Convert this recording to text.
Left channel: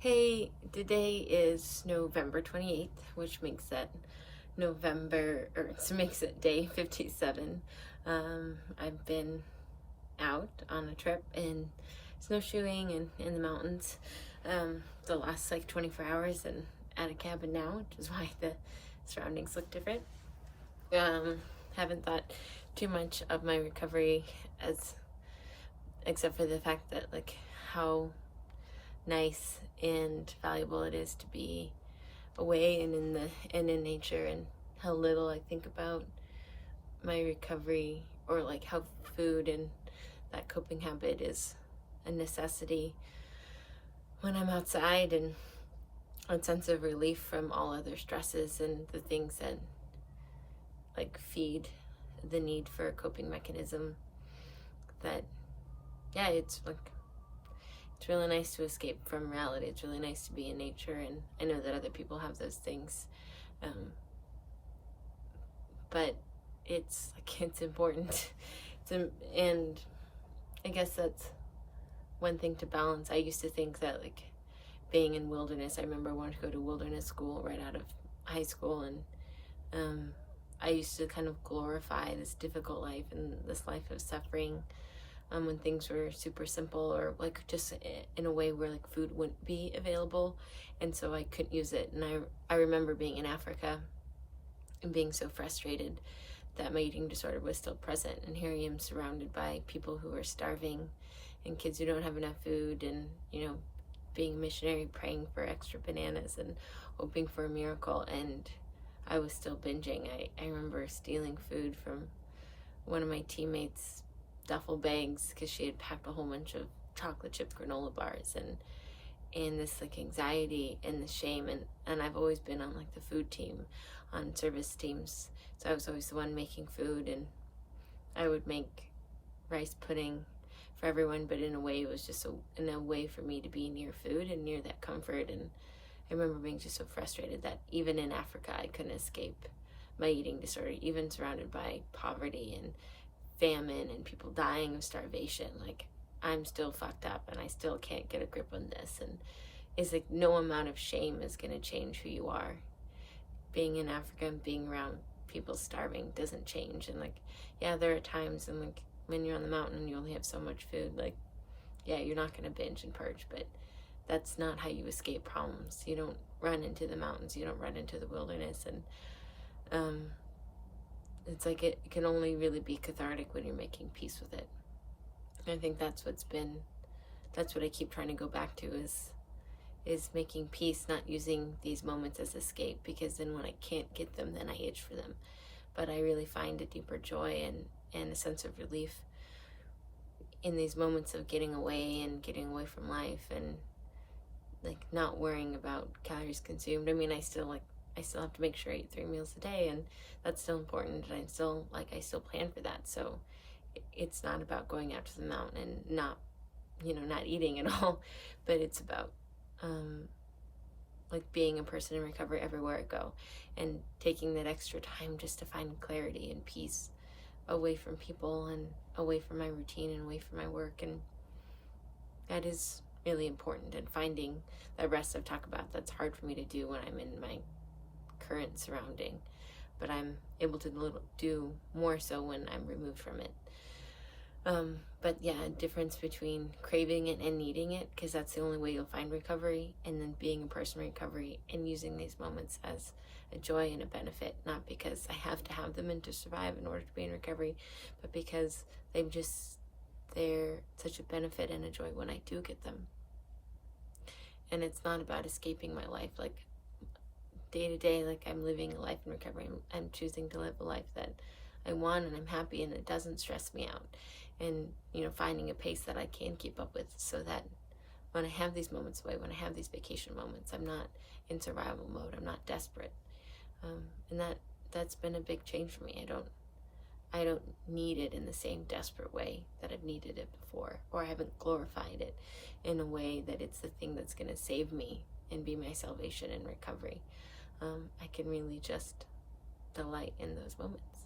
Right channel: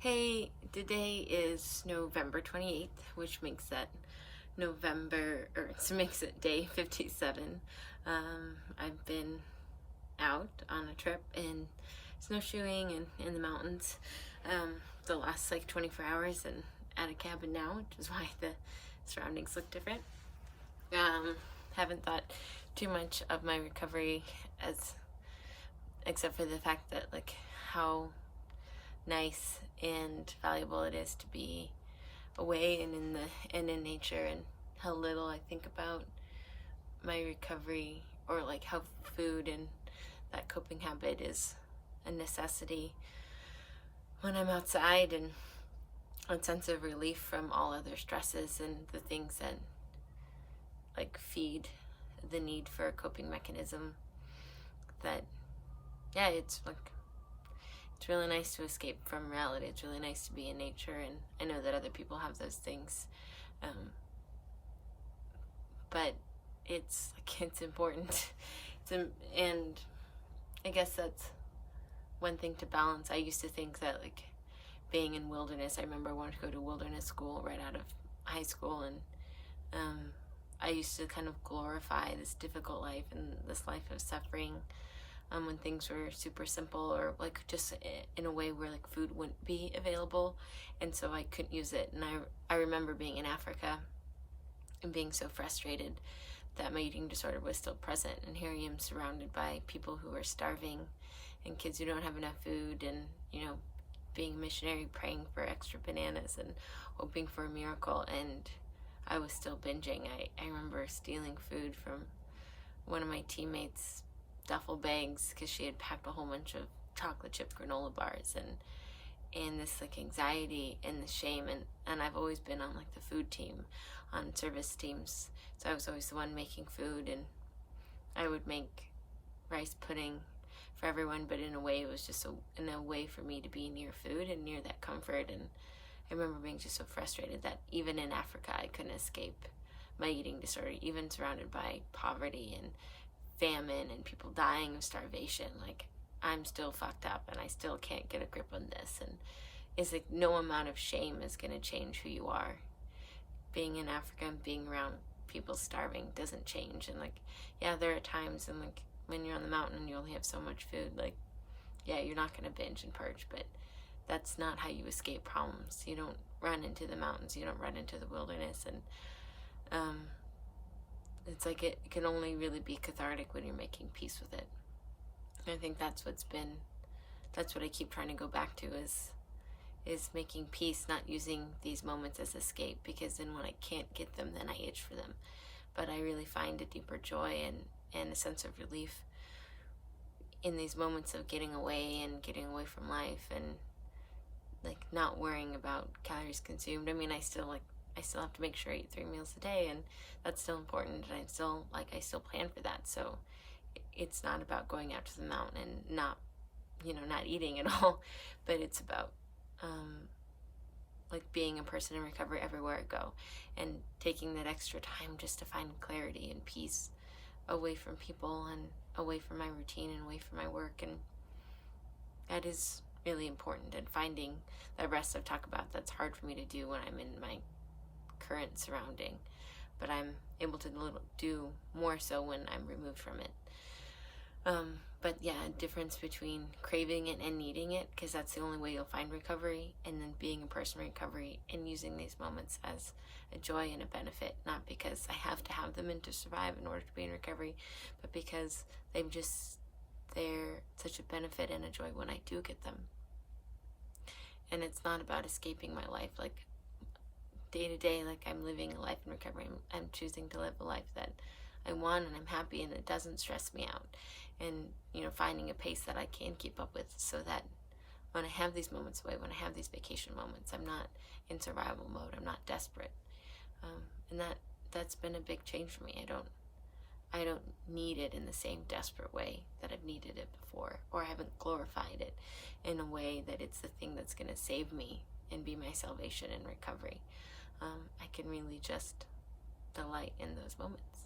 Hey, today is November 28th, which makes that makes it day 57. I've been out on a trip in snowshoeing and in the mountains the last like 24 hours and at a cabin now, which is why the surroundings look different. Haven't thought too much of my recovery except for the fact that like how nice and valuable it is to be away and in nature, and how little I think about my recovery, or like how food and that coping habit is a necessity when I'm outside, and a sense of relief from all other stresses and the things that like feed the need for a coping mechanism. That it's like it's really nice to escape from reality. It's really nice to be in nature, and I know that other people have those things, but it's important. And I guess that's one thing to balance. I used to think that like being in wilderness, I remember I wanted to go to wilderness school right out of high school, and I used to kind of glorify this difficult life and this life of suffering, when things were super simple, or like just in a way where like food wouldn't be available, and so I couldn't use it. And I remember being in Africa and being so frustrated that my eating disorder was still present, and here I am surrounded by people who are starving and kids who don't have enough food, and being a missionary, praying for extra bananas and hoping for a miracle, and I was still binging. I remember stealing food from one of my teammates' duffel bags because she had packed a whole bunch of chocolate chip granola bars, and this like anxiety and the shame, and I've always been on like the food team, on service teams, so I was always the one making food, and I would make rice pudding for everyone, but in a way it was just in a way for me to be near food and near that comfort. And I remember being just so frustrated that even in Africa I couldn't escape my eating disorder, even surrounded by poverty and famine and people dying of starvation. Like, I'm still fucked up and I still can't get a grip on this, and it's like no amount of shame is going to change who you are. Being in Africa and being around people starving doesn't change. And like, there are times, and like when you're on the mountain and you only have so much food, like you're not going to binge and purge, but that's not how you escape problems. You don't run into the mountains, you don't run into the wilderness, and it's like it can only really be cathartic when you're making peace with it. And I think that's what I keep trying to go back to, is making peace, not using these moments as escape, because then when I can't get them, then I itch for them. But I really find a deeper joy and a sense of relief in these moments of getting away from life, and like not worrying about calories consumed. I mean, I still have to make sure I eat 3 meals a day, and that's still important, and I still plan for that. So it's not about going out to the mountain and not eating at all, but it's about like being a person in recovery everywhere I go, and taking that extra time just to find clarity and peace away from people and away from my routine and away from my work. And that is really important, and finding that rest I've talked about, that's hard for me to do when I'm in my current surrounding, but I'm able to do more so when I'm removed from it. But difference between craving it and needing it, because that's the only way you'll find recovery, and then being a person in recovery and using these moments as a joy and a benefit, not because I have to have them and to survive in order to be in recovery, but because they're such a benefit and a joy when I do get them. And it's not about escaping my life. Like, day to day, like I'm living a life in recovery. I'm choosing to live a life that I want, and I'm happy, and it doesn't stress me out. And finding a pace that I can keep up with, so that when I have these moments away, when I have these vacation moments, I'm not in survival mode. I'm not desperate, and that's been a big change for me. I don't need it in the same desperate way that I've needed it before, or I haven't glorified it in a way that it's the thing that's going to save me and be my salvation in recovery. I can really just delight in those moments.